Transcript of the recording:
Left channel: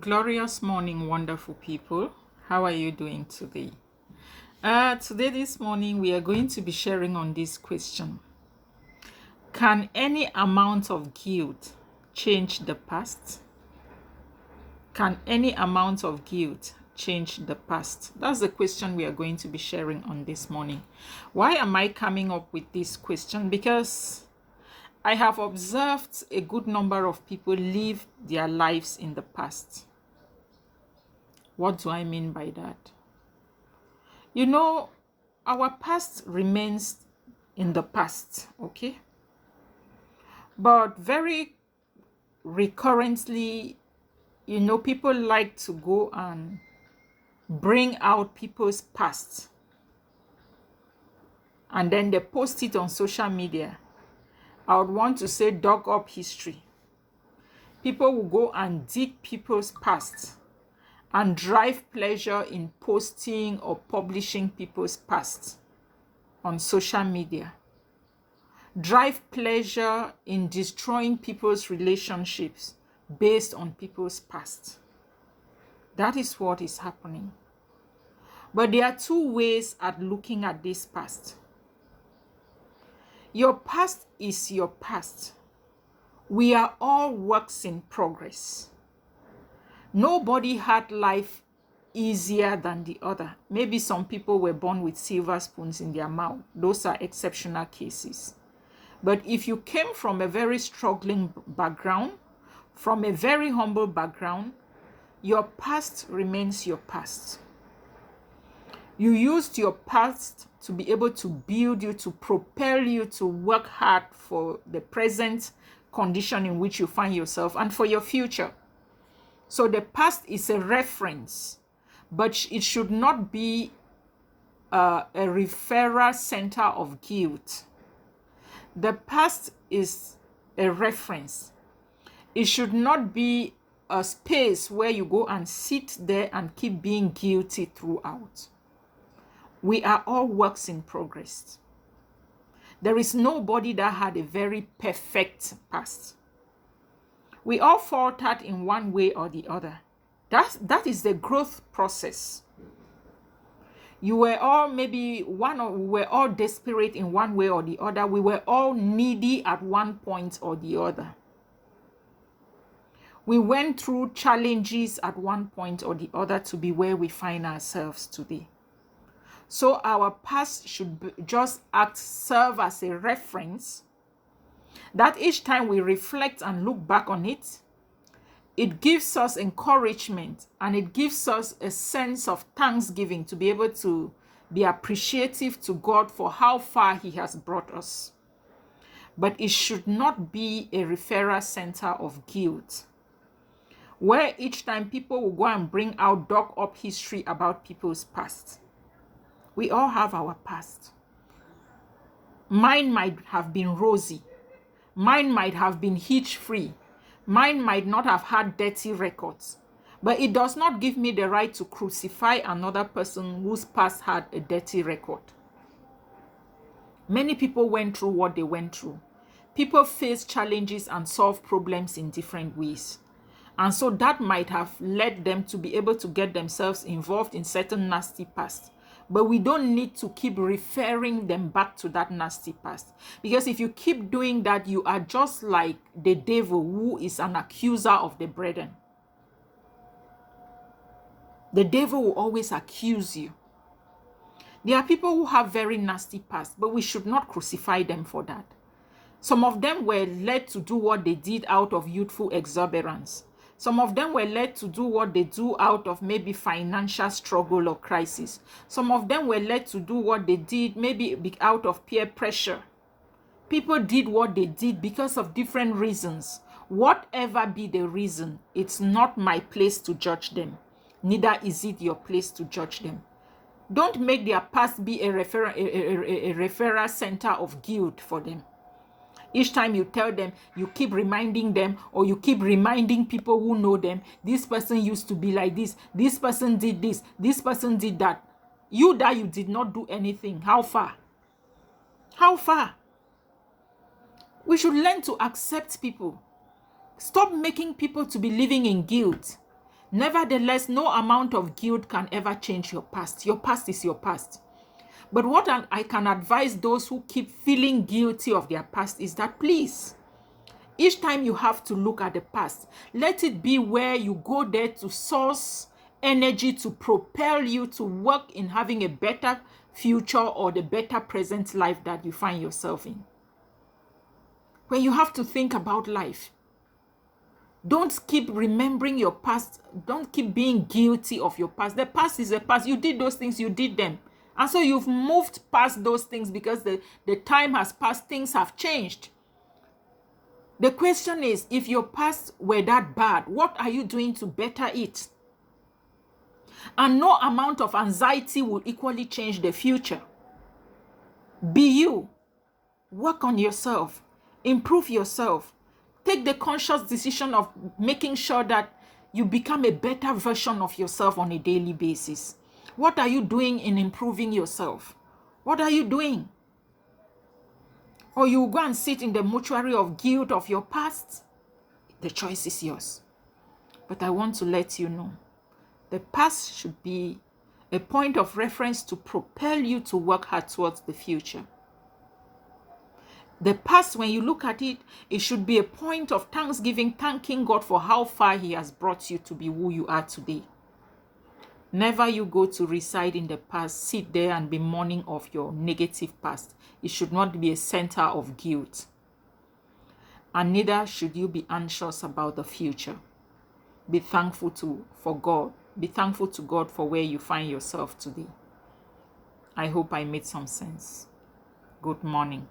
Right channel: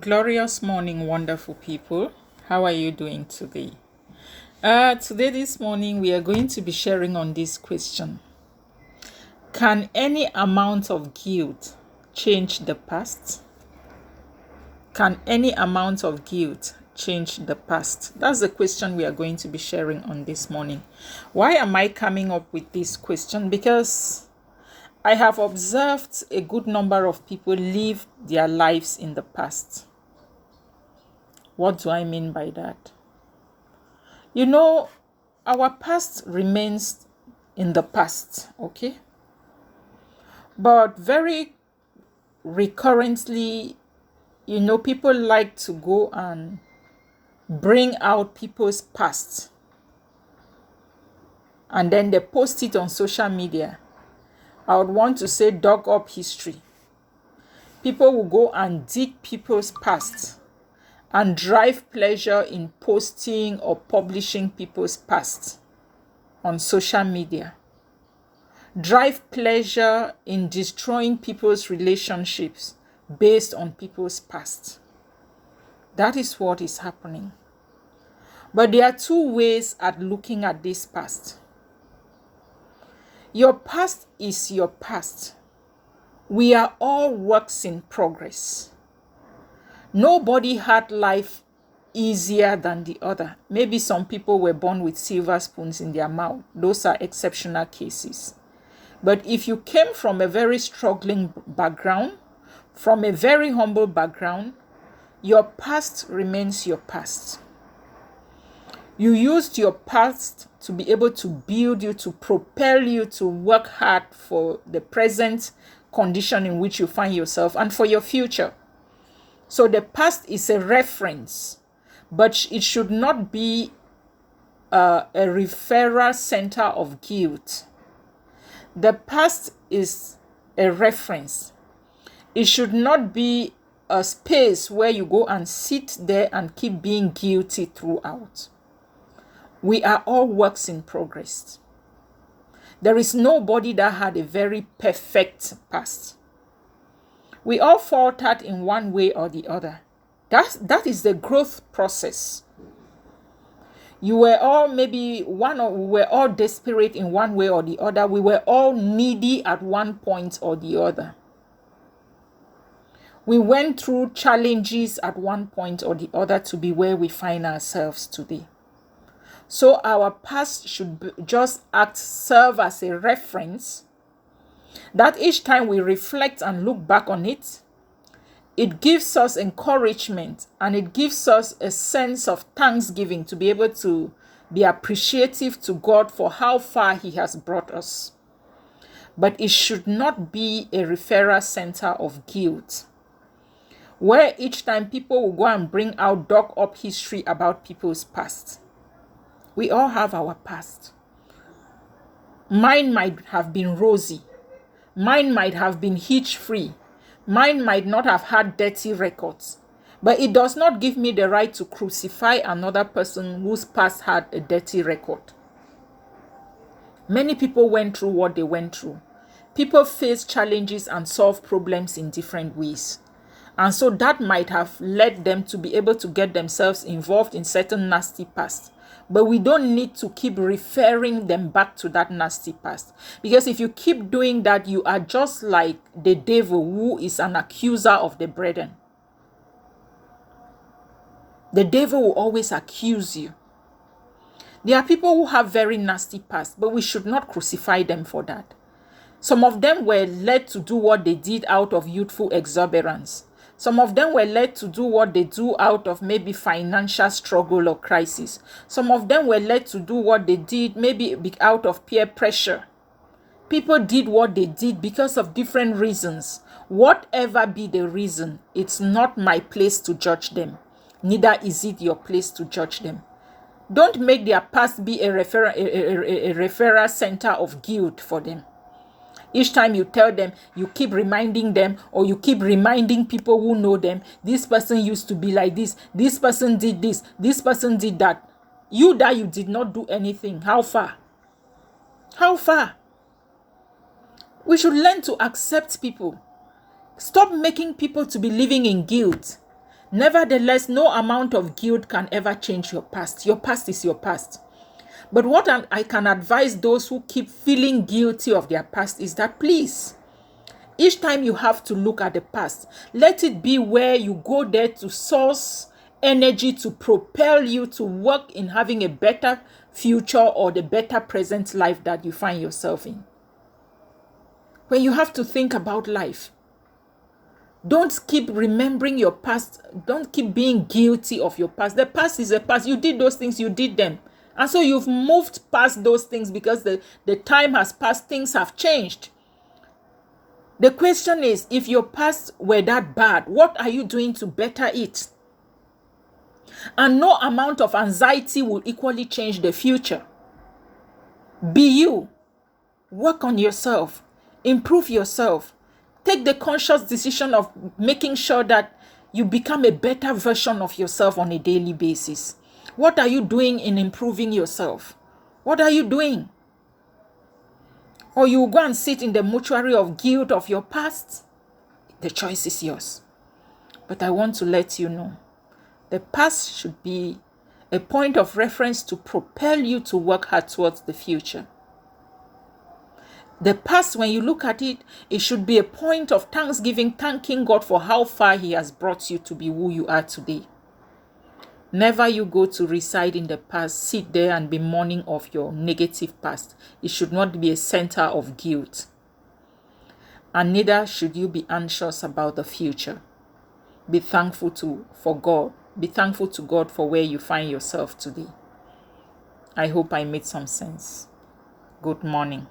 Glorious morning, wonderful people. How are you doing today? This morning, we are going to be sharing on this question. Can any amount of guilt change the past? Can any amount of guilt change the past? That's the question we are going to be sharing on this morning. Why am I coming up with this question? Because I have observed a good number of people live their lives in the past. What do I mean by that? You know, our past remains in the past, okay? But very recurrently, people like to go and bring out people's past and then they post it on social media. I would want to say dug up history. People will go and dig people's past and drive pleasure in posting or publishing people's past on social media. Drive pleasure in destroying people's relationships based on people's past. That is what is happening. But there are two ways at looking at this past. Your past is your past. We are all works in progress. Nobody had life easier than the other. Maybe some people were born with silver spoons in their mouth. Those are exceptional cases. But if you came from a very struggling background, from a very humble background, your past remains your past. You used your past to be able to build you, to propel you to work hard for the present condition in which you find yourself and for your future. So the past is a reference, but it should not be a referral center of guilt. The past is a reference. It should not be a space where you go and sit there and keep being guilty throughout. We are all works in progress. There is nobody that had a very perfect past. We all faltered in one way or the other. That is the growth process. You were all we were all desperate in one way or the other. We were all needy at one point or the other. We went through challenges at one point or the other to be where we find ourselves today. So our past should just serve as a reference that each time we reflect and look back on it, it gives us encouragement and it gives us a sense of thanksgiving to be able to be appreciative to God for how far He has brought us. But it should not be a referral center of guilt, where each time people will go and bring out dug up history about people's past. We all have our past. Mine might have been rosy. Mine might have been hitch-free. Mine might not have had dirty records. But it does not give me the right to crucify another person whose past had a dirty record. Many people went through what they went through. People face challenges and solve problems in different ways. And so that might have led them to be able to get themselves involved in certain nasty past. But we don't need to keep referring them back to that nasty past. Because if you keep doing that, you are just like the devil, who is an accuser of the brethren. The devil will always accuse you. There are people who have very nasty past, but we should not crucify them for that. Some of them were led to do what they did out of youthful exuberance. Some of them were led to do what they do out of maybe financial struggle or crisis. Some of them were led to do what they did maybe out of peer pressure. People did what they did because of different reasons. Whatever be the reason, it's not my place to judge them. Neither is it your place to judge them. Don't make their past be a referral center of guilt for them. Each time you tell them, you keep reminding them, or you keep reminding people who know them, this person used to be like this person did this person did that. You did not do anything. How far? How far? We should learn to accept people. Stop making people to be living in guilt. Nevertheless, no amount of guilt can ever change your past. Your past is your past. But what I can advise those who keep feeling guilty of their past is that, please, each time you have to look at the past, let it be where you go there to source energy to propel you to work in having a better future or the better present life that you find yourself in. When you have to think about life, don't keep remembering your past. Don't keep being guilty of your past. The past is a past. You did those things, you did them. And so you've moved past those things because the time has passed, things have changed. The question is, if your past were that bad, what are you doing to better it? And no amount of anxiety will equally change the future. Be you. Work on yourself. Improve yourself. Take the conscious decision of making sure that you become a better version of yourself on a daily basis. What are you doing in improving yourself? What are you doing? Or you go and sit in the mortuary of guilt of your past? The choice is yours. But I want to let you know, the past should be a point of reference to propel you to work hard towards the future. The past, when you look at it, it should be a point of thanksgiving, thanking God for how far He has brought you to be who you are today. Never you go to reside in the past, sit there and be mourning of your negative past. It should not be a center of guilt. And neither should you be anxious about the future. Be thankful for God. Be thankful to God for where you find yourself today. I hope I made some sense. Good morning.